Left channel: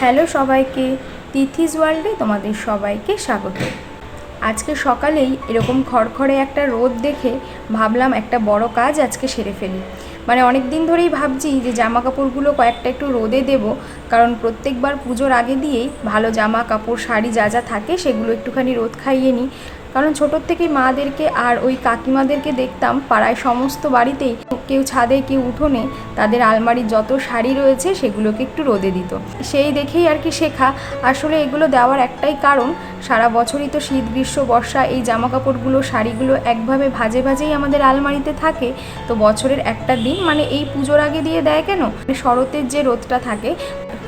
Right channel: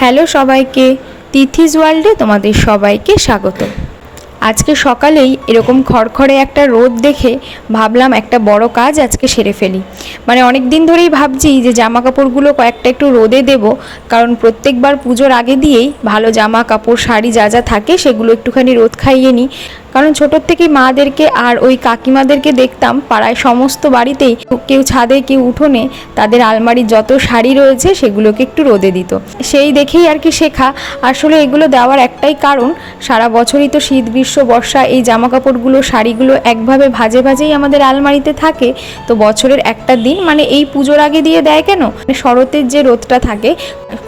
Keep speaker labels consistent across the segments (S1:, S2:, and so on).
S1: Hello সবাইকে তিথিস ওয়ার্ল্ডে তোমাদের সবাইকে স্বাগত। আজকে সকালেই এরকম খড়খড়ে একটা রোদ দেখে ভাবলাম একটা বড় কাজ আজকে সেরে ফেলি। মানে অনেক দিন ধরেই ভাবছি যে জামা কাপড়গুলো কয়েকটা একটু রোদে দেব, কারণ প্রত্যেকবার পুজোর আগে দিয়েই ভালো জামা কাপড় শাড়ি যা যা থাকে সেগুলো একটুখানি রোদ খাইয়ে নিই। কারণ ছোটোর থেকে মাদেরকে আর ওই কাকিমাদেরকে দেখতাম, পাড়ায় সমস্ত বাড়িতেই কেউ ছাদে কেউ উঠোনে তাদের আলমারির যত শাড়ি রয়েছে সেগুলোকে একটু রোদে দিত। সেই দেখেই আর কি শেখা। আসলে এগুলো দেওয়ার একটাই কারণ, সারা বছরই তো শীত, গ্রীষ্ম, বর্ষা এই জামা কাপড়গুলো শাড়িগুলো একভাবে ভাজে ভাজেই আমাদের আলমারিতে থাকে। তো বছরের একটা দিন মানে এই পুজোর আগে দিয়ে দেয় কেন? শরতের যে রোদটা থাকে,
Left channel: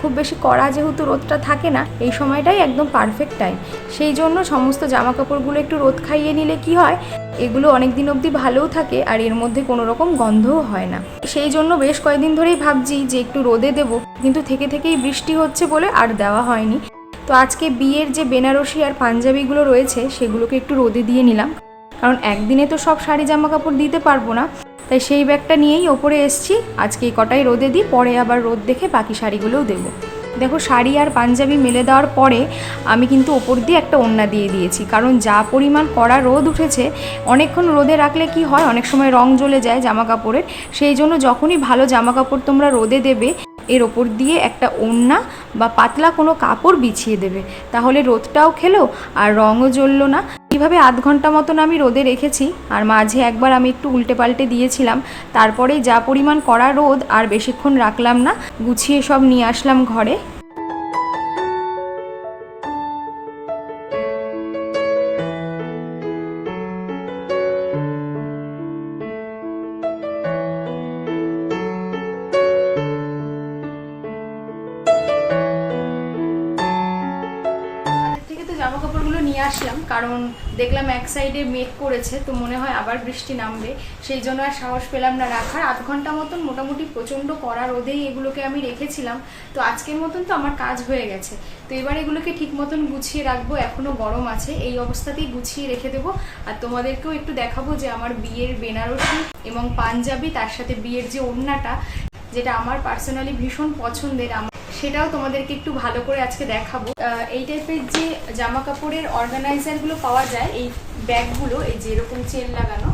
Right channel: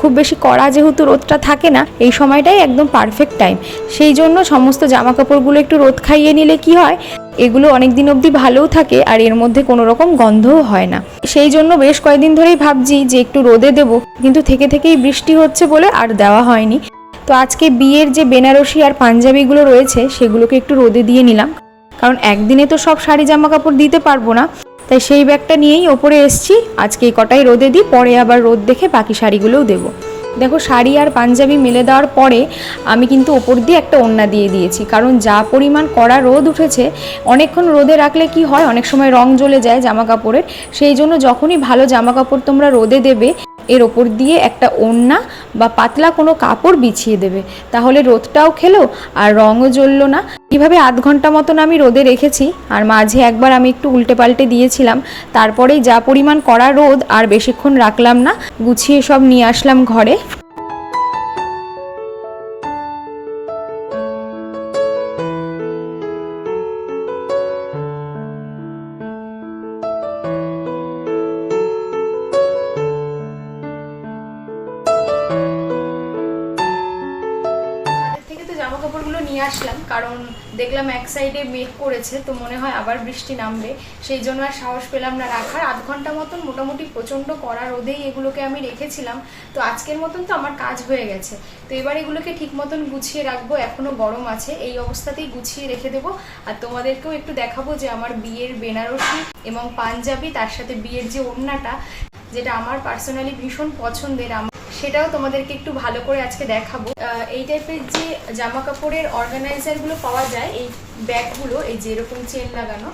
S1: খুব বেশি কড়া যেহেতু রোদটা থাকে না, এই সময়টাই একদম পারফেক্ট টাইম সেই জন্য সমস্ত জামা কাপড়গুলো একটু রোদ খাইয়ে নিলে কি হয়? এগুলো অনেক দিন অবধি ভালোও থাকে আর এর মধ্যে কোনো রকম গন্ধও হয় না। সেই জন্য বেশ কয়েকদিন ধরেই ভাবছি যে একটু রোদে দেব, কিন্তু থেকে থেকেই বৃষ্টি হচ্ছে বলে আর দেওয়া হয়নি। তো আজকে বিয়ের যে বেনারসি আর পাঞ্জাবিগুলো রয়েছে, সেগুলোকে একটু রোদে দিয়ে নিলাম। কারণ একদিনে তো সব শাড়ি জামা কাপড় দিতে পারব না। তাই সেই ব্যাগটা নিয়েই ওপরে এসছি। আজকে এই কটাই রোদে দিই, পরে আবার রোদ দেখে বাকি শাড়িগুলোও দেবো। দেখো, শাড়ি আর পাঞ্জাবি মেলে দেওয়ার পরে আমি কিন্তু ওপর দিয়ে একটা ওড়না দিয়ে দিয়েছি। কারণ যা পরিমাণ কড়া রোদ উঠেছে, অনেকক্ষণ রোদে রাখলে কি হয়, অনেক সময় রং জ্বলে যায় জামা কাপড়ের সেই জন্য যখনই ভালো জামা কাপড় তোমরা রোদে দেবে, এর ওপর দিয়ে একটা ওড়না বা পাতলা কোনো কাপড় বিছিয়ে দেবে। তাহলে রোদটাও খেলো আর রঙও জ্বললো না। এইভাবে আধ ঘণ্টা মতন আমি রোদে রেখেছি, আর মাঝে একবার আমি একটু উল্টে পাল্টে দিয়েছিলাম। তারপরে যা পরিমাণ কড়া রোদ আর বেশিক্ষণ রাখলাম না, গুছিয়ে সব নিয়ে আসলাম ঘরে। জামা কাপড়গুলো নিয়ে আসলাম, কারণ দেখলাম এক সাইডে মেঘ করেছে, তো মনে হয় আবার বৃষ্টি নামবে। সেই জন্য আর সাহস পেলাম না রাখার। আধ ঘণ্টা মতন মোটামুটি প্রচণ্ড কড়া রোদেই এগুলোকে আমি রেখেছিলাম। তো আজকের মতন তো আমার কাজ হয়ে গেছে। তো এবার এগুলোকে ঠিক মতন গুছিয়ে রাখব। এখনও গরম আছে। এই অবস্থাতেই গুছিয়ে রেখে দেবো। আর তোমাদেরকেও একটু দেখাবো যে আমার বিয়ের বেনারসি এবং পাঞ্জাবি, তার সাথে বিয়ের যে ওড়নাটা, যেটা আমার পার্সোনালি ভীষণ পছন্দের আমার সেটাও তোমাদেরকে একটু ভালো করে আজকে দেখাবো। এই টাইপের যে জামা কাপড়ের অর্গানাইজারগুলো পাওয়া যায়, এই ব্যাগগুলো, এই যেরকম চেন লাগানো,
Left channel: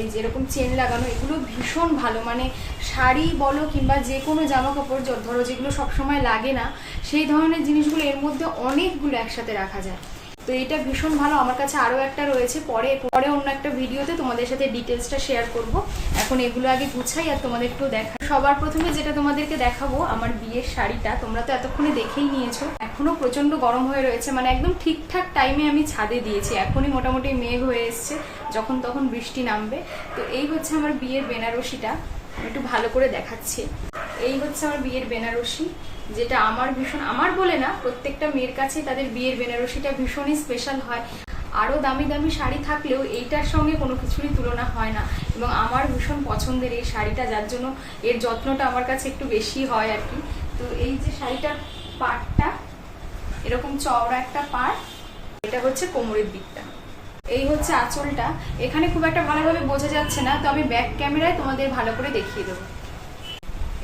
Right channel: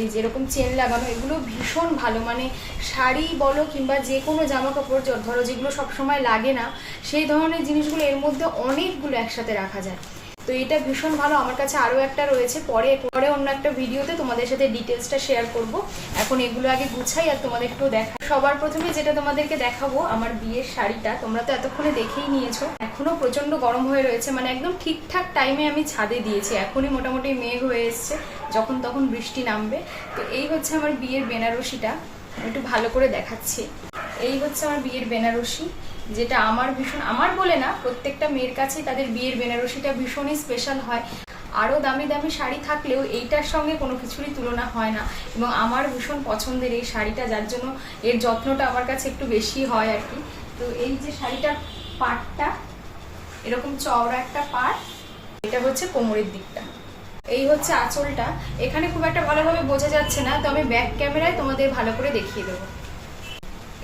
S1: এই যেরকম চেন লাগানো, এগুলো ভীষণ ভালো। মানে শাড়ি বলো কিংবা যে কোনো জামা কাপড় ধরো যেগুলো সবসময় লাগে না, সেই ধরনের জিনিসগুলো এর মধ্যে অনেকগুলো একসাথে রাখা যায়। তো এটা ভীষণ ভালো। আমার কাছে আরও একটা রয়েছে। পরে পরে অন্য একটা ভিডিওতে তোমাদের সাথে ডিটেলসটা শেয়ার করব। এখন এগুলো আগে গুছাই আর তোমাদের একটু দেখা। সবার প্রথমে যেটা তোমাদেরকে দেখাবো, আমার বিয়ের শাড়িটা। তোমরা তো এতক্ষণে দেখেই নিয়েছো। এখনও প্রচণ্ড গরম হয়ে রয়েছে। মানে একদম ঠিকঠাক টাইমে আমি ছাদে দিয়েছি। এখনই মোটামুটি মেঘ হয়ে এসছে। যখন তখন বৃষ্টি নামবে। তো এই হচ্ছে আমার বিয়ের বেনারসিটা। একটু ভালো করে দেখাচ্ছি। এই হচ্ছে আমার বিয়ের বেনারসি। যেটা আমার ভীষণ, আমার বলে না, প্রত্যেকটা মেয়ের কাছে তাদের বিয়ের বেনারসিটা ভীষণই স্পেশাল হয়। আরও দামি দামি শাড়ি থাকলেও এইটার সঙ্গে কোনো কিছুরই তুলনা হয় না। এবং আমার ভীষণ পছন্দের এই শাড়িটা, যার জন্য এর যত্নটা আমার কাছে একটু বেশি হয় আর কি। তো এই যে শাড়িটার পাটটা, এরকম চওড়া একটা পাট, এটা হচ্ছে কোমরের দিকটা। এই হচ্ছে আঁচলটা। এখানে খুব একটা ভালোভাবে বোঝা যাচ্ছে না, তো আমি ব্যাক ক্যামেরায় তোমাদের ভালো করে দেখিয়ে দেবো।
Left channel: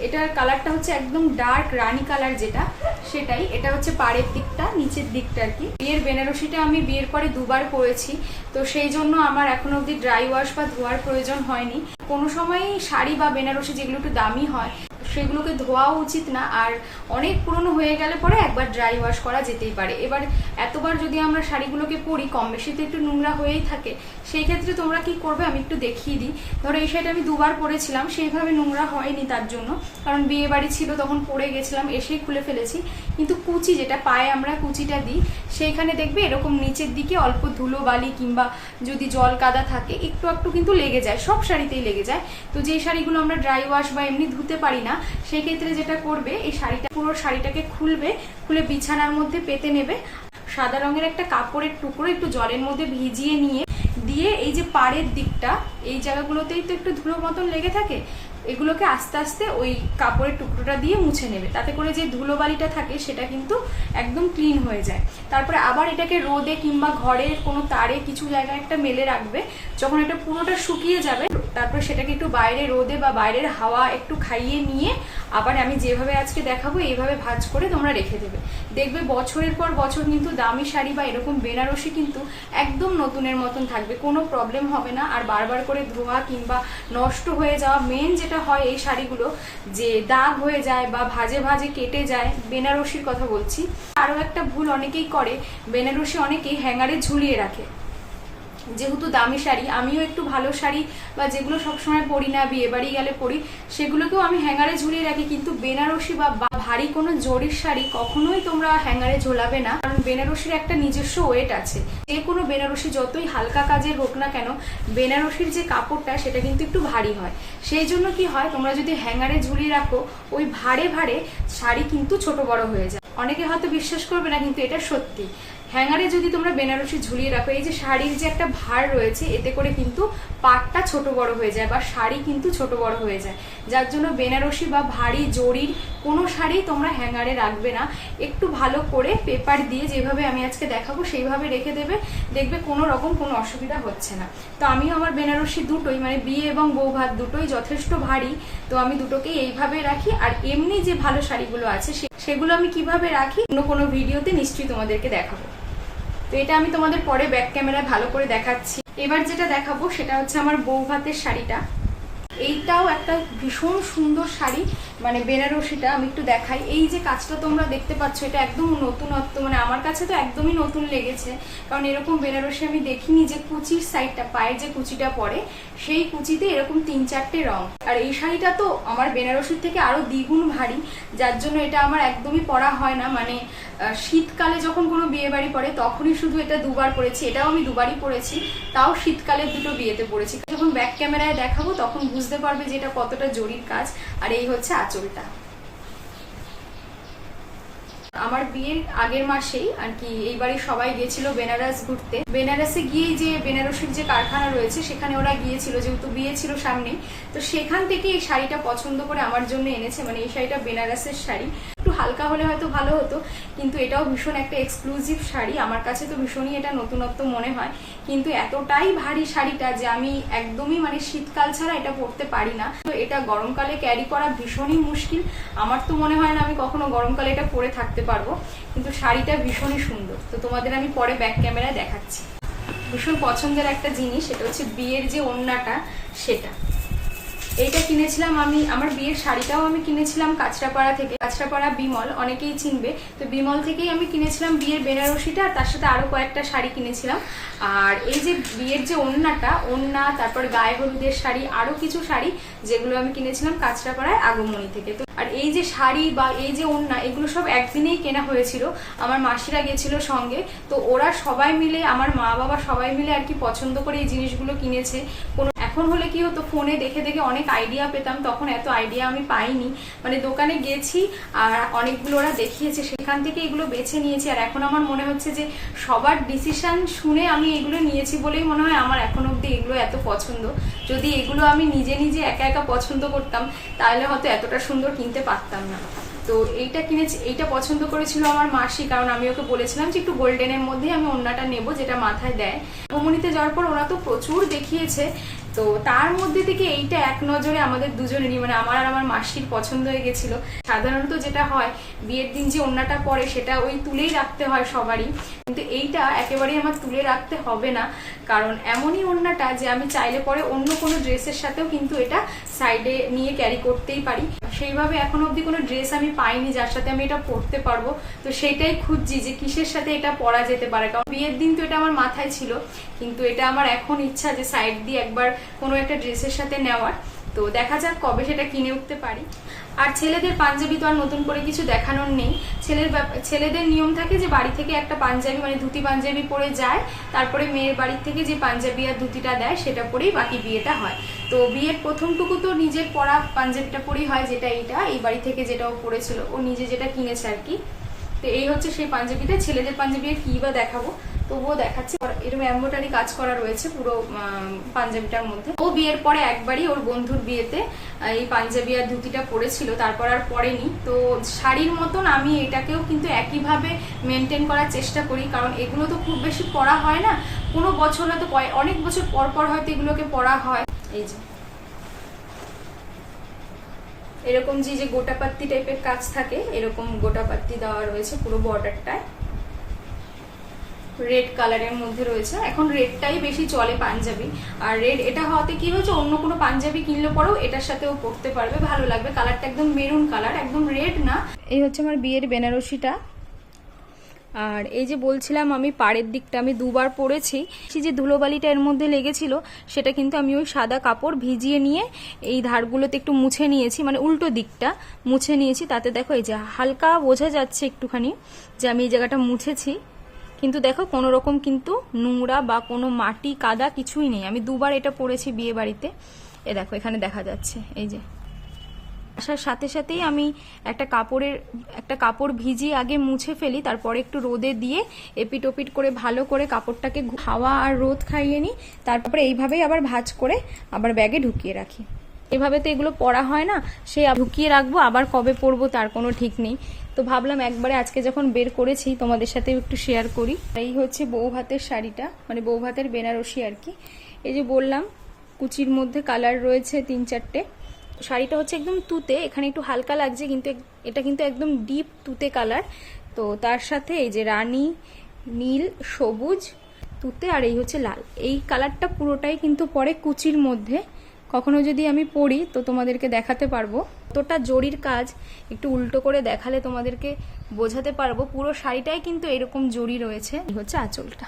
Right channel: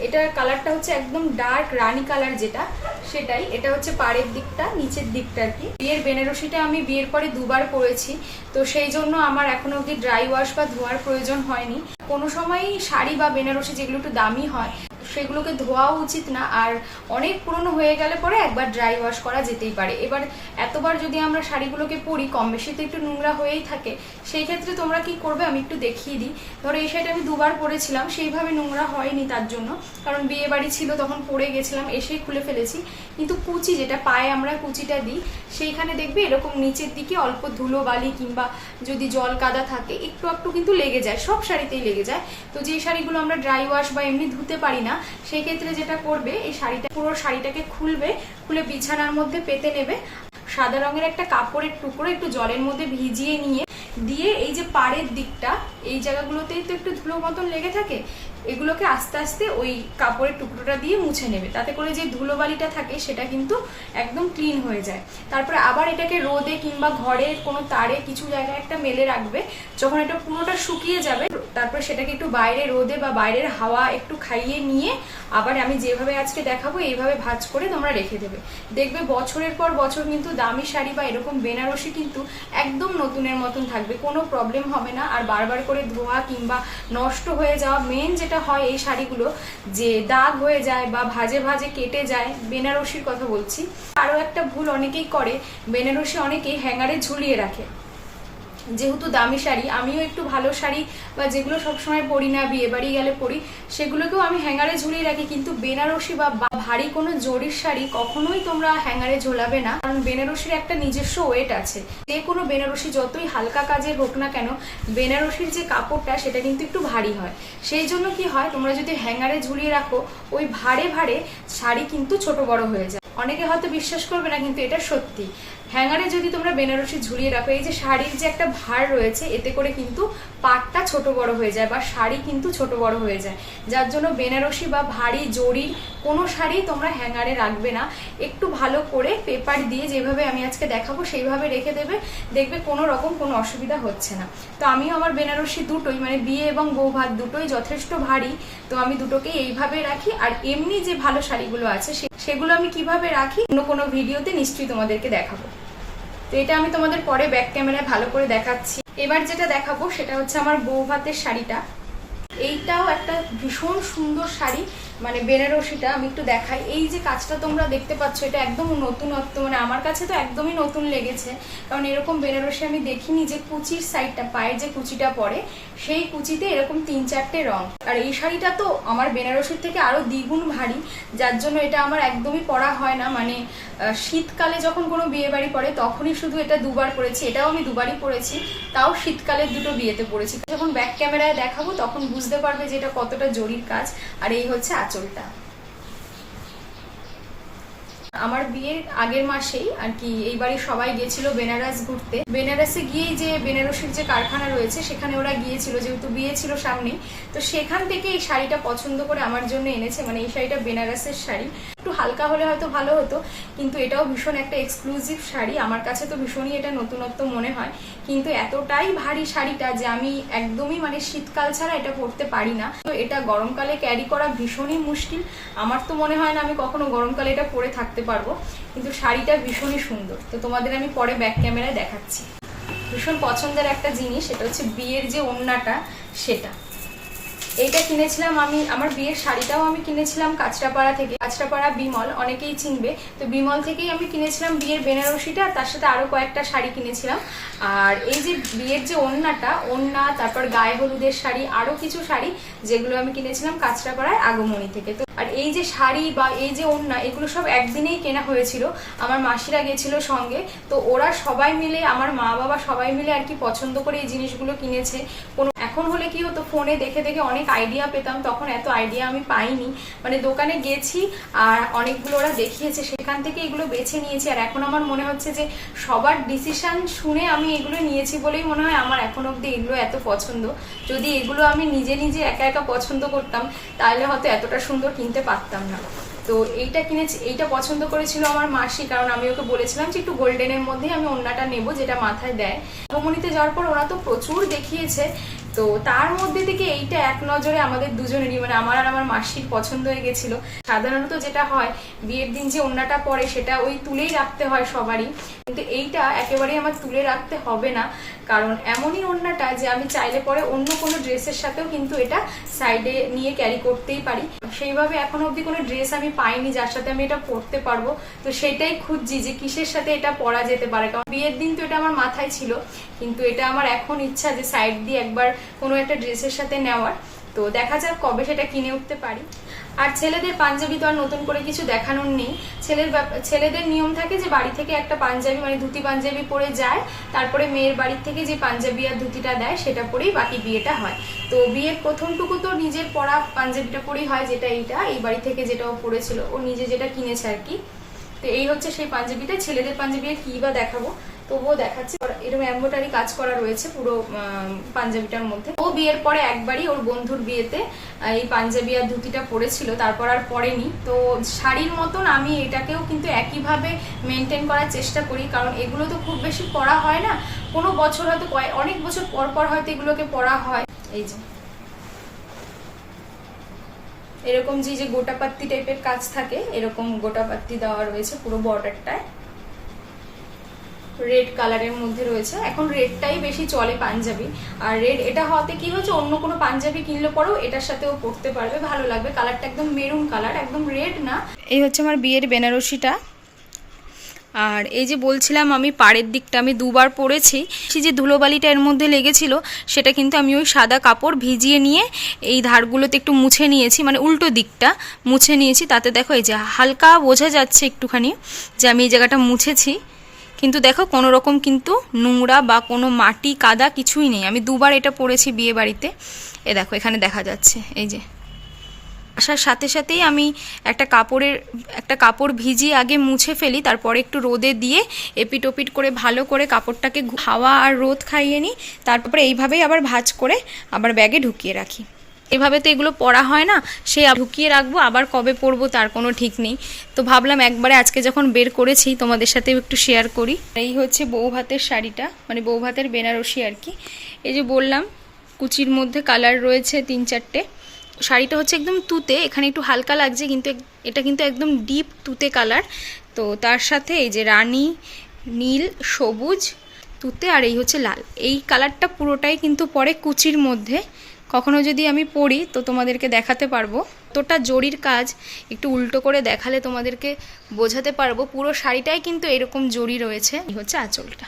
S1: এটার কালারটা হচ্ছে একদম ডার্ক রানি কালার যেটা, সেটাই। এটা হচ্ছে পাড়ের দিকটা, নিচের দিকটা আর কি। বিয়ের বেনারসিটা আমি বিয়ের পরে দুবার পরেছি, তো সেই জন্য আমার এখন অবধি ড্রাই ওয়াশ বা ধোয়ার প্রয়োজন হয়নি। কোনো সময়ই শাড়ি বা বেনারসি যেগুলো একটু দামি হয় সেগুলোকে ধোয়াও উচিত না। আর অনেক পুরনো হয়ে গেলে পরে একবার ড্রাই ওয়াশ করা যেতেই পারে। এবার এতবার যদি আমরা শাড়িগুলোকে পরি, কম বেশি তো একটু নোংরা হয়েই থাকে, সেই ক্ষেত্রে তোমরা কি করবে? আমি একটু দেখিয়ে দিই। ধরো এই শাড়িটা আমি দুবার পরেছিলাম, সেইভাবে নোংরা হয়নি তার জন্য। কারণ বিয়ে বাড়ি ছিল, তখন পরে গেছিলাম এসেই খুলে ফেলেছি। কিন্তু কুচি যেটা, পায়ে আমরা কুচিটা দিই, সেইখানে দেখবে এরকম নিচের দিকে অল্প ধুলো বালি কিংবা যদি জল কাদা থাকে, একটু একটু কিন্তু লেগে যায়, সব শাড়িতেই লেগে যায়। তো যে শাড়িগুলো আমরা ড্রাই ওয়াশ বা এমনি ধুতে পারি না সেই ক্ষেত্রে যেটা করবে, এই শাড়িটা, পুরো শাড়িটাকে খুলবে, খুলে বিছানার মধ্যে পেতে নেবে। সাদা রঙের একটা কাপড়ের টুকরো একটু জলের মধ্যে ভিজিয়ে নিয়ে, দিয়ে এই যে পাড়ের দিকটা, এই জায়গাগুলোতেই তো একটু ধুলো মতন লেগে থাকে এগুলোকে আস্তে আস্তে ওই কাপড়ের টুকরোটা দিয়ে মুছে নেবে। তাতে করে যে ধুলোবালিটা থাকে, সেটা কিন্তু একদম ক্লিন হয়ে যায়। তারপরে আবার এটাকে রোদে কিংবা ঘরের কোনো তারে কিছু জায়গায় একটা মেলে রাখবে। যখন এটা পুরোটা শুকিয়ে যাবে, তারপর সেটাকে একটু বাইরে রোদে বা বাইরের হাওয়া একটু খাইয়ে নিয়ে আবার আমি যেভাবে আজকে দেখাবো, এইভাবে ভাজ করে তোমরা রেখে দেবে। দেখবে বছরের পর বছর কিন্তু দামি শাড়ি বা এরকম বেনারসি কিন্তু একদম নতুনের মতন থাকবে। কোনো প্রবলেম হবে না। আর বারবার করে ধোয়া কিংবা নষ্ট হয়ে যাওয়া মেন যেটা হয় এই শাড়িগুলো যে দাগ হয়ে যায় বা ভাজে ভাজে কেটে যায়, বেনারসির কথা বলছি। আরও একটা ভুল অনেকেই করে, বেনারসি অনেকেই হ্যাঙ্গারে ঝুলিয়ে রাখে। যেহেতু দামি শাড়ি, আমিও একটু ভালো শাড়ি বা যেগুলো সবসময় পরি না, বিয়ে বাড়ি গেলে পরি, সেগুলোকেও আমি হ্যাঙ্গারে ঝুলিয়ে রাখি। কিন্তু বেনারসি বা ভারী কোনো জরির শাড়ি কখনোই তোমরা হ্যাঙ্গারে ঝোলাবে না। কারণ বেনারসির একটা নিজস্ব ওয়েট আছে। যে কোনো বেনারসি যতই হালকা কাজের হোক না কেন, বেনারসির যে কাপড়টা, সেটা কিন্তু একটু ভারী হয়। সেই জন্য কি হয়, তোমরা যদি হ্যাঙ্গারে ঝুলিয়ে রাখো, ওই ভারে ভারে শাড়ি কিন্তু ছোট বড় হয়ে যায়। অনেকে হয়তো বিশ্বাস করবে না, কিন্তু এটা সত্যি। হ্যাঙ্গারে যদি তোমরা বেনারসি ঝুলিয়ে রাখো, এই যে শাড়ির যে একটা ভার রয়েছে, এতে করে কিন্তু পাটটা ছোট বড় হয়ে যায় বা শাড়ি কিন্তু ছোট বড় হয়ে যায়। যার জন্য বেনারসি বা ভারী জরির কোনো শাড়ি তোমরা হ্যাঙ্গারে রাখবে না। একটু ভালো করে পেপার দিয়ে যেভাবে আমি আজকে দেখাবো, সেইভাবে রেখে দেবে। দেখবে কোনো রকম কোনো অসুবিধা হচ্ছে না। তো আমিও আমার বেনারসি দুটোই মানে বিয়ে এবং বউ ভাত দুটোই যথেষ্ট ভারী। তো আমি দুটোকেই এইভাবে রাখি। আর এমনি যে ভালো শাড়িগুলো আছে সে- সেগুলো আমি কীভাবে রাখি? অন্য কোনো ভিডিওতে নিশ্চয়ই তোমাদেরকে দেখাবো। তো এটা আমি তোমাদের পরে ব্যাক ক্যামেরায় ভালো করে দেখাচ্ছি। এবার যেটা দেখাবো সেটা হচ্ছে আমার বউ ভাতের শাড়িটা। এইটাও একটা ভীষণ সুন্দর শাড়ি। মানে বেনারসিটা, আমি একটু দেখাই। এই যে কাজটা তোমরা দেখতে পাচ্ছ, এটা একদম নতুনত্ব মানে আমার কাছে তো একদমই নতুন লেগেছে। কারণ এরকম বেনারসি আমি দেখিনি যে কুচির সাইডটা, পায়ের যে কুচিটা পড়ে, সেই কুচিতে এরকম তিন চারটে রং। আর এই শাড়িটা তো আমার বেনারসির থেকে আরও দ্বিগুণ ভারী, যার জন্য এটা আমার একদমই পরা হয় না। মানে শীতকালে যখন কোনো বিয়ে বাড়ি পড়ে, তখনই শুধু এটা দুবার পরেছি। এটাও আমি দুবারই পরেছি, তাও শীতকালের দুটো বিয়েতে পরেছি। যখন ব্যাক ক্যামেরায় দেখাবো, তখন বুঝতে পারবে যে এটা কতটা জরির কাজ। আর এই হচ্ছে আঁচলটা আমার বিয়ের আগের মাসেই আর কি এইবারে সবাই গেছিল বেনারস ঘুরতে। বেনারসে গিয়েই যে বেনারসের যে কারখানা রয়েছে, সেখানে ওরা গিয়েছিল, যেহেতু বিয়ে ছিল সামনে। তো সেখান থেকে এই শাড়িটা পছন্দ করে আমার জন্য এনেছে মানে এই শাড়িটা বেনারসের শাড়ি। হালকা হলে হয়তো ভালো হতো, কিন্তু এটাও ভীষণ একটা এক্সক্লুসিভ শাড়ি। আমার কাছে তো ভীষণই এটা নতুনত্ব মনে হয়। কিন্তু এতটাই ভারী শাড়িটা যে আমি একদমই মানে শীতকাল ছাড়া এটা পরতে পারি না। তো এটা গরমকালে ক্যারি করা ভীষণই মুশকিল। আমার তো মনে হয় না আমি কখনো গরমকালে এটা পরে থাকতে পারব। কিন্তু শাড়িটা ভীষণই সুন্দর। তো তোমাদের আমি পরে ব্যাক ক্যামেরায় দেখাচ্ছি। ভীষণ পছন্দের একটা জিনিস, সেটা হচ্ছে বিয়ের যে ওড়নাটা সেটা। এইটা কিনেছিলাম আমি, আমার বিয়ের শাড়িটাও আমি কিনেছিলাম কাঁচরাপাড়া থেকে। কাঁচরাপাড়া বিমল, অনেকেই চিনবে। তো বিমল থেকেই আমি কিনেছিলাম বিয়ের বেনারসিটা, আর তার সাথে আরও কয়েকটা শাড়ি কিনেছিলাম। আর এই যে বিয়ের যে ওড়নাটা ওড়না তারপর গায়ে হলুদের শাড়ি আরও কিছু শাড়ি যেগুলো আমি কিনেছিলাম কাঁচরাপাড়ায় আগমনী থেকে। তো আর এই যে শাড়ি বা এই যে ওড়না এগুলো সব একদিনেই কেনা হয়েছিল। আমার মাসিরা গেছিল সঙ্গে। তো ওরা সবাই মিলে, আমার মা বাবা সবাই মিলে আর কি পছন্দ করে এই জিনিসগুলো কিনেছে। কোনো এখন হলে কি হতো? ফোনে দেখে দেখে অনেক আইডিয়া পেতাম, তখন এত আইডিয়া আমি পাইনি। মানে দোকানে গেছি আর অনেকগুলো ওরা দেখিয়েছে, সেখান থেকে এগুলো বেছে নিয়েছি। আর এখন আমার মনে হচ্ছে যে সবার ডিসিশন শুনে আমি এগুলো নিয়েছি বলেই মনে হয় আমার এখন অব্দি এগুলো এত পছন্দ। যদি এগুলো আমি নিজে নিজে একা একা পছন্দ করতাম, তাহলে হয়তো এতটা সুন্দর কিনতে পারতাম না। তো এইটা কিনেছি, এইটা পছন্দ করেছিল আমার মাসি, কারণ আমি ওকে বলেছিলাম যে একটু গোল্ডেনের মধ্যেই আমি ওড়নাটা নেব, যেটা মাথায় দেয়। ভ্রমণীতে যাওয়ার পর ওরা তো প্রচুর দেখিয়েছে তো তার মধ্যে থেকে এইটা এক নজরে আমাদের দুজনেরই মানে আমার আর আমার মাসির পছন্দ হয়ে গেছিল। সাধারণত যেটা হয়, বিয়ের দিন যে ওড়নাটা পরে সেটা ওই তুলেই রাখতে হয় সবারই। কিন্তু এইটা একেবারেই আমার তুলে রাখতে হবে না। কারণ এমনই ওড়নাটা যে আমি চাইলে পরে অন্য কোনো ড্রেসের সাথেও কিন্তু এটা সাইডে নিয়ে ক্যারি করতেই পারি। সেইভাবে এখন অবধি কোনো ড্রেস আমি পাইনি যার সাথে আমি এটা পরতে পারব। তো সেটাই খুঁজছি যে কিসের সাথে এটা পরা যেতে পারে। কারণ বিয়ের দিন তো এটা আমার মাথায় ছিল। কিন্তু এটা আমার এখন ইচ্ছা যে সাইড দিয়ে একবার কোনো একটা ড্রেসের সাথে নেওয়ার। তো দেখা যাক কবে সেটা কিনে উঠতে পারি। আর ছেলেদের পাঞ্জাবি তো আর নতুন করে কিছু দেখানোর নেই। ছেলের ছেলেদের নিয়ম থাকে যে বাড়ি থেকে একটা পাঞ্জাবি মানে ধুতি পাঞ্জাবি পরে যায়, তারপরে মেয়ের বাড়ির থেকে যে পাঞ্জাবি আর ধুতিটা দেয়, সেটা পরেই বাকি বিয়েটা হয়। তো বিয়ের প্রথমটুকু তো নিজের পরা পাঞ্জাবিটা পরেই হয়, যেটা এইটা, এই বাড়ি থেকে যেটা ও পরেছিল, ও নিজে যেটা কিনেছে আর কি। তো এই হচ্ছে সেই পাঞ্জাবিটা, ছেলেদের পাঞ্জাবি আর কি বা দেখাবো। তবুও দেখাচ্ছি। এরকম এম্বোটারি কাজ করা রয়েছে পুরো পাঞ্জাবিটার মধ্যে। ও বিয়ের পরে একবারই ওর বন্ধুর বিয়েতে এই পাঞ্জাবি আর ধুতিটা পরেছিল, তারপর আর পরেনি। তো শাড়ির মতন আমি এটাকেও কিন্তু একইভাবে মেনটেন করার চেষ্টা করি, কারণ এগুলো তো খুব বেশি পরা হয় না। কোনো বছর হয়তো অনেক বছর পর পর হয়তো এগুলোকে পরা হয়। এই যে। এরকম যে যে গোটাপাত্তি টাইপের কাজ থাকে, এরকম গোটাপাত্তি দেওয়া রয়েছে পুরো বর্ডারটায় রেড কালারের মধ্যে রয়েছে। এখন রেডটাই বেশি চলে পাঞ্জাবি। আর রেড এটা হওয়াতে কি হয়েছে, অন্য কোনো পাঞ্জাবি কিনলে পরেও এটার সাথেও পরতে পারবে, ভালো লাগবে। কালারটা একদম মেরুন কালার একদম রেড না। এই হচ্ছে আমার বিয়ের বেনারসিটা। আর এই যে বলছিলাম আমি পাড়ের দিকটা, আমি দুবার পরেছি। সেই যে ধুলোবালিটা এর মধ্যে লেগেছিল, সেটা কিন্তু আমি ওই সাদা কাপড় ভিজিয়ে নিয়ে এই ধারগুলোতে একটু মুছে নিয়েছি মানে উল্টো দিকটা মুছে নিয়েছি। তাতে দেখো এই যে হালকা বোঝা যাচ্ছে একটুখানি যে আমি এই জায়গাটা মুছেছি। কিন্তু দেখো, কোনো রকম কিন্তু নোংরা বা কোনো মাটি, কাদা কিছুই নেই। আমি দুবার এটা পরেছি বিয়ে বাড়িতে। এ দেখো, এখানে দেখা যাচ্ছে, এই যে। আসার সাথে সাথেই আমি একটা কাপড়ের, একটা কাপড় ভিজিয়ে আগে মুছে ফেলি, তারপরে একটু রোদে দিয়ে এপিট ওপিট করে ভালো করে কাপড়টাকে হাওয়া আর রোদ খাইয়ে নিই, তারপরে এইভাবেই আবার ভাঁজ করে আবার ব্যাগে ঢুকিয়ে রাখি। এভাবে তো এগুলো পরা হয় না, সে ঢুকিয়ে রাখব, আবার কবে পরবো তার কোনো ঠিক নেই। তো ভাবলাম একবারে আজকে যখন বের করেছি তোমাদের সাথেও একটু শেয়ার করি। এই হচ্ছে বউ ভাতের শাড়িটা মানে বউ ভাতের বেনারসি আর কি। এই যে বললাম, কুচির মধ্যে কালার রয়েছে তিন চারটে। শাড়িটা হচ্ছে একদম তুতে, এখানে একটু হালকা লাগছে, কিন্তু এটা কিন্তু একদম ডিপ তুতে কালার তো তার সাথে এই যে রানী, নীল, সবুজ, তুতে আর এই হচ্ছে লাল। এই কালারটা পুরোটাই কিন্তু পরে কুচির মধ্যে। কখনো যদি আমি পড়ি, তো তোমাদেরকে দেখাতে পারব। তোটা জরির কাজ, একটু উল্টো করে দেখালে তোমাদেরকে বোঝাতে পারব। পুরো শাড়িটাই কিন্তু এরকম জরি রয়েছে। হচ্ছে আঁচলটা।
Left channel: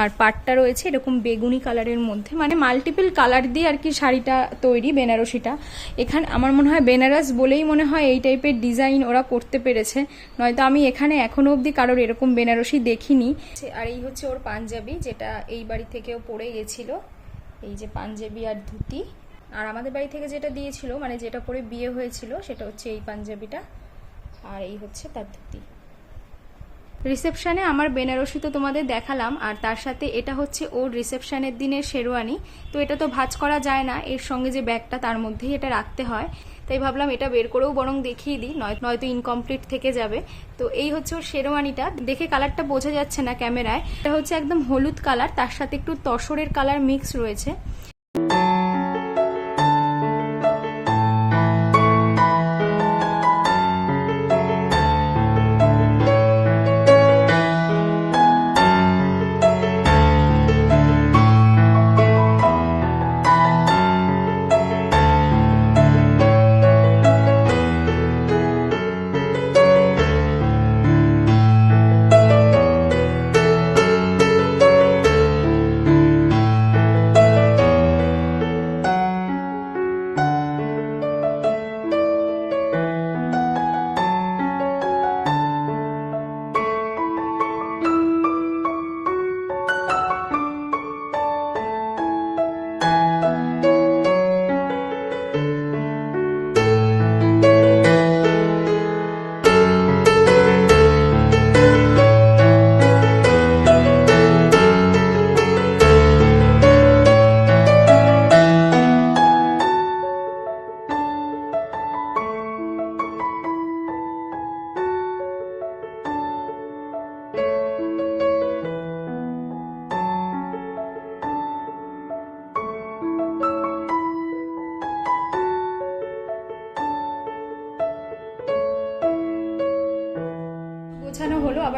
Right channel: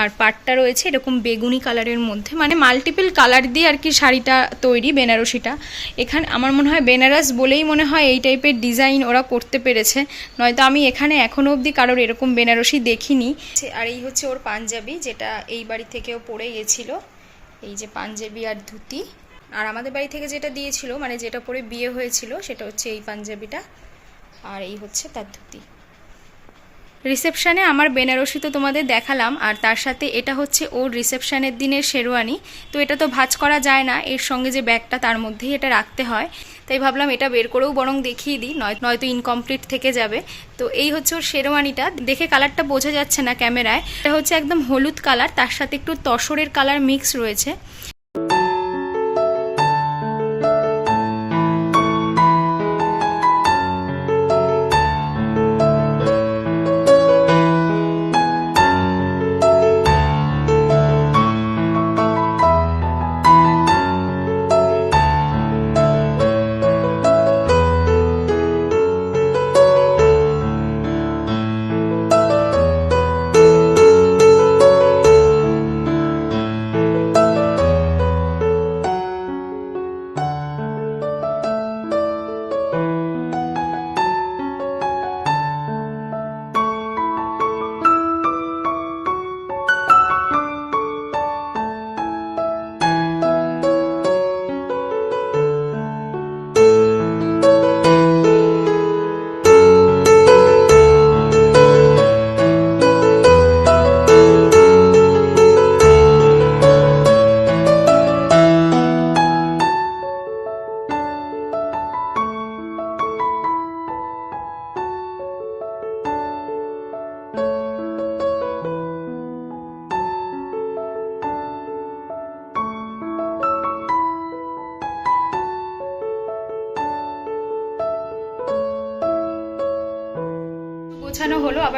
S1: আর পাটটা রয়েছে এরকম বেগুনি কালারের মধ্যে মানে মাল্টিপল কালার দিয়ে আর কি শাড়িটা তৈরি, বেনারসিটা। এখানে, আমার মনে হয় বেনারস বলেই মনে হয় এই টাইপের ডিজাইন ওরা করতে পেরেছে। নয়তো আমি এখানে এখনও অবধি কারোর এরকম বেনারসি দেখিনি। আর এই হচ্ছে ওর পাঞ্জাবি, যেটা এই বাড়ি থেকেও পরে গেছিল। এই যে পাঞ্জাবি আর ধুতি। আর আমাদের বাড়ি থেকে যেটা দিয়েছিল মানে যেটা পরে বিয়ে হয়েছিল, সেটা হচ্ছে এই পাঞ্জাবিটা। আর এই হচ্ছে তার ধুতি। রিসেপশানে আমার বেনারসি তো তোমাদের দেখালাম, আর তার সাথে এটা হচ্ছে ওর রিসেপশানের দিনের শেরওয়ানি। তো এটা তো ভাজ করা যায় না, এর সঙ্গে যে ব্যাগটা তার মধ্যেই এটা রাখতে হয়। তাই ভাবলাম এটা বের করেও বরং দেখিয়ে দিই, নয় নয়তো ইনকমপ্লিট থেকে যাবে। তো এই হচ্ছে ওর শেরওয়ানিটা, দেখে কালারটা বোঝা যাচ্ছে না ক্যামেরায়। এটা হচ্ছে একদম হলুদ কালার, তার সাথে একটু তসরের কালার মিক্স রয়েছে।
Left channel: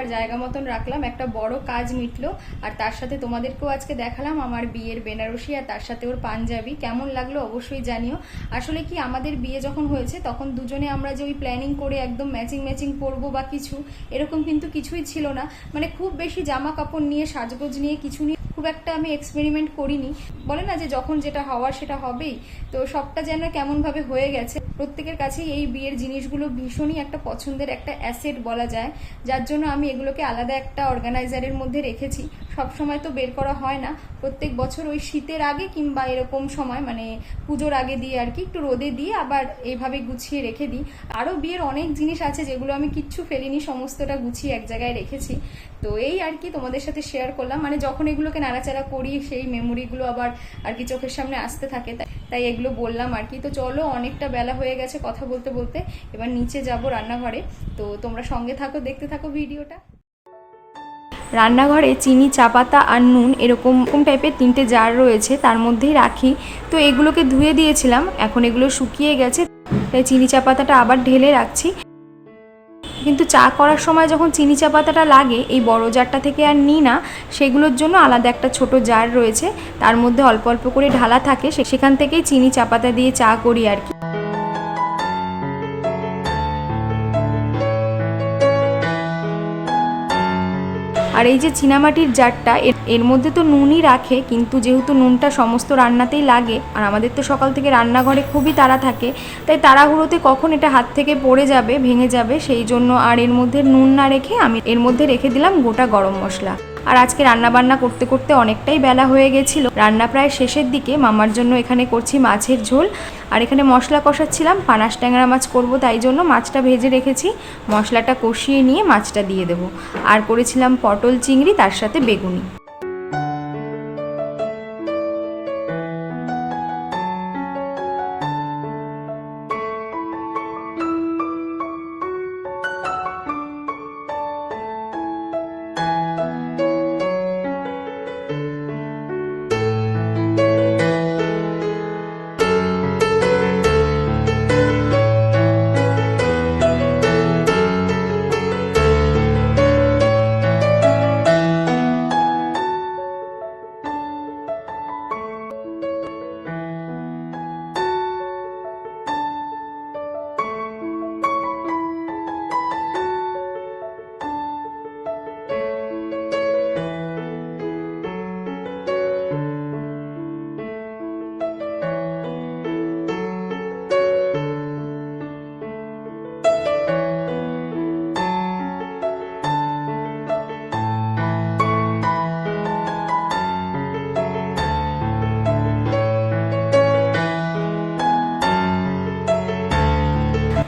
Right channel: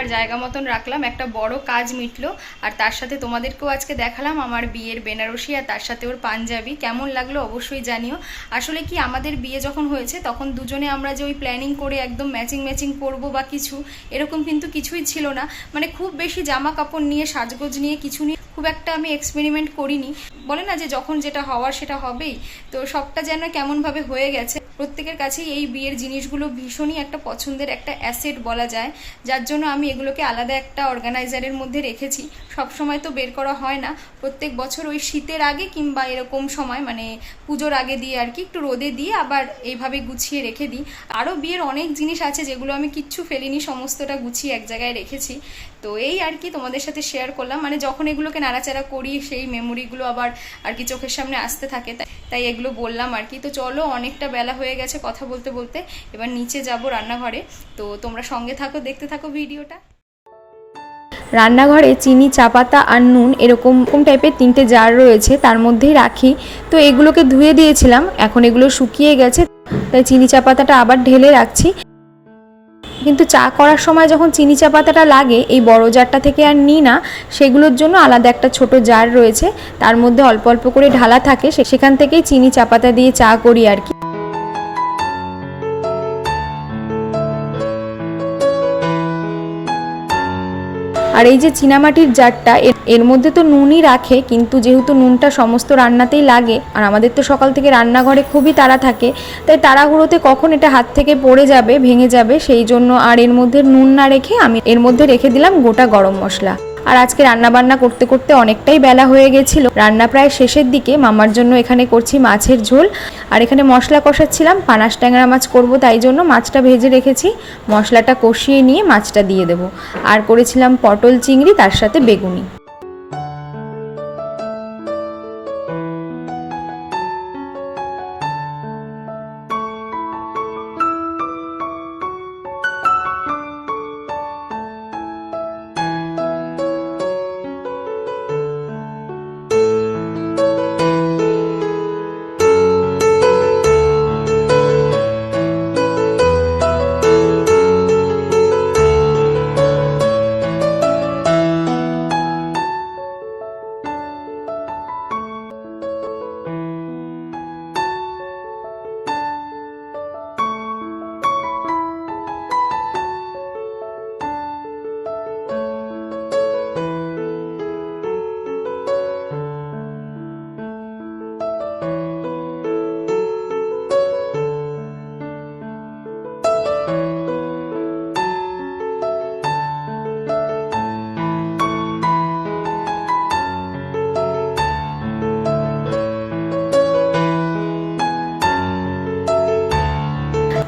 S1: আবার জায়গা মতন রাখলাম, একটা বড় কাজ মিটলো, আর তার সাথে তোমাদেরকেও আজকে দেখালাম আমার বিয়ের বেনারসি আর তার সাথে ওর পাঞ্জাবি। কেমন লাগল অবশ্যই জানিও। আসলে কি আমাদের বিয়ে যখন হয়েছে, তখন দুজনে আমরা যে ওই প্ল্যানিং করে একদম ম্যাচিং ম্যাচিং করব বা কিছু, এরকম কিন্তু কিছুই ছিল না। মানে খুব বেশি জামা কাপড় নিয়ে, সাজগোজ নিয়ে, কিছু নিয়ে খুব একটা আমি এক্সপেরিমেন্ট করিনি। বলে না যে যখন যেটা হওয়ার সেটা হবেই। তো সবটা যেন কেমনভাবে হয়ে গেছে। প্রত্যেকের কাছেই এই বিয়ের জিনিসগুলো ভীষণই একটা পছন্দের একটা অ্যাসেট বলা যায়, যার জন্য আমি এগুলোকে আলাদা একটা অর্গানাইজারের মধ্যে রেখেছি। সব সময় তো বের করা হয় না। প্রত্যেক বছর ওই শীতের আগে কিংবা এরকম সময় মানে পুজোর আগে দিয়ে আর কি, একটু রোদে দিয়ে আবার এইভাবে গুছিয়ে রেখে দিই। আরও বিয়ের অনেক জিনিস আছে যেগুলো আমি কিচ্ছু ফেলিনি, সমস্তটা গুছিয়ে এক জায়গায় রেখেছি। তো এই আর কি তোমাদের সাথে শেয়ার করলাম। মানে যখন এগুলোকে নাড়াচাড়া করি, সেই মেমোরিগুলো আবার আর কি চোখের সামনে আসতে থাকে তাই এগুলো বললাম আর কি। তো চলো, অনেকটা বেলা হয়ে গেছে কথা বলতে বলতে। এবার নিচে যাব রান্নাঘরে। তো তোমরা সঙ্গে থাকো, দেখতে থাকো ভিডিওটা। রান্নাঘরে চিনি, চা পাতা আর নুন এরকম টাইপের তিনটে জার রয়েছে, তার মধ্যেই রাখি। তো এগুলোকে ধুয়ে দিয়েছিলাম, এখন এগুলো শুকিয়ে গেছে। তাই চিনি, চা পাতাটা আবার ঢেলে রাখছি। কিন্তু চা করার সময় যখন চিনি, চা পাতাটা লাগে, এই বড় জারটা থেকে আর নিই না, সেগুলোর জন্য আলাদা একটা ছোট জার রয়েছে। তার মধ্যে অল্প অল্প করে ঢালা থাকে সেখান থেকেই চিনি, চা পাতা দিয়ে চা করি আর কি। আর এই যে চীনামাটির জারটা, এর- মধ্যে তো নুনই রাখে, কিন্তু যেহেতু নুনটা সমস্ত রান্নাতেই লাগে, আর আমাদের তো সকাল থেকে রান্নাঘরে খুবই তাড়া থাকে, তাই তাড়াহুড়োতে কখন এটা হাত থেকে পড়ে যাবে, ভেঙে যাবে, সেই জন্য আর এর মধ্যে নুন না রেখে আমি এর মধ্যে রেখে দিলাম গোটা গরম মশলা। আর আজকে রান্না বান্না করতে করতে অনেকটাই বেলা হয়ে গেছিল। রান্না প্রায় শেষের দিকে, মামার জন্য এখানে করছি মাছের ঝোল। আর এখানে মশলা কষাচ্ছিলাম পানাস ট্যাংরা মাছ করব তাই জন্য মাছটা ভেজে রেখেছি। মশলাটা কষিয়ে নিয়ে মাছটা দিয়ে দেবো। আর করেছিলাম পটল চিংড়ি, তার সাথে বেগুনি।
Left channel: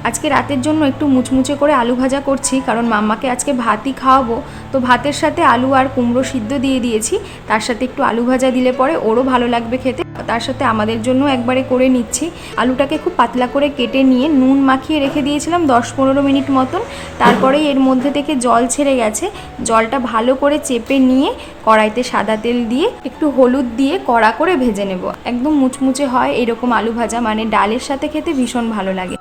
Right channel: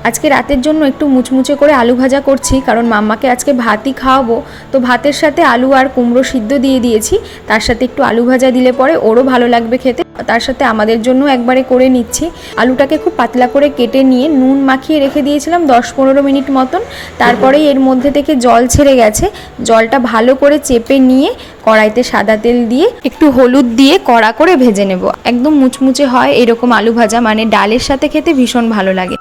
S1: আজকে রাতের জন্য একটু মুচমুচে করে আলু ভাজা করছি, কারণ মাম্মাকে আজকে ভাতই খাওয়াবো। তো ভাতের সাথে আলু আর কুমড়ো সিদ্ধ দিয়ে দিয়েছি, তার সাথে একটু আলু ভাজা দিলে পরে ওরও ভালো লাগবে খেতে। তার সাথে আমাদের জন্য একবারে করে নিচ্ছি। আলুটাকে খুব পাতলা করে কেটে নিয়ে নুন মাখিয়ে রেখে দিয়েছিলাম দশ পনেরো মিনিট মতন। তারপরে এর মধ্যে থেকে জল ছেড়ে গেছে। জলটা ভালো করে চেপে নিয়ে কড়াইতে সাদা তেল দিয়ে একটু হলুদ দিয়ে কড়া করে ভেজে নেব। একদম মুচমুচে হয় এরকম আলু ভাজা মানে ডালের সাথে খেতে ভীষণ ভালো লাগে।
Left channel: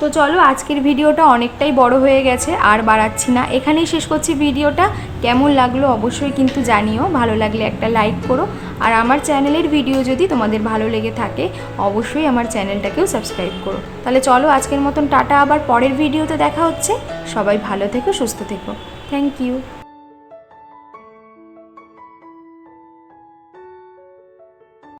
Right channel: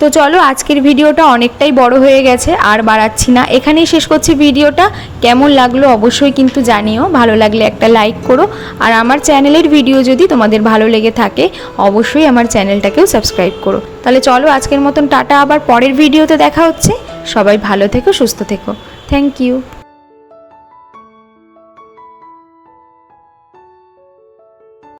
S1: তো চলো আজকের ভিডিওটা অনেকটাই বড় হয়ে গেছে, আর বাড়াচ্ছি না। এখানেই শেষ করছি ভিডিওটা। কেমন লাগল অবশ্যই কিন্তু জানিও। ভালো লাগলে একটা লাইক করো। আর আমার চ্যানেলের ভিডিও যদি তোমাদের ভালো লেগে থাকে, অবশ্যই আমার চ্যানেলটাকেও সাবস্ক্রাইব করো। তাহলে চলো আজকের মতন টাটা। আবার পরের ভিডিওতে দেখা হচ্ছে। সবাই ভালো থেকো, সুস্থ থেকো। Thank you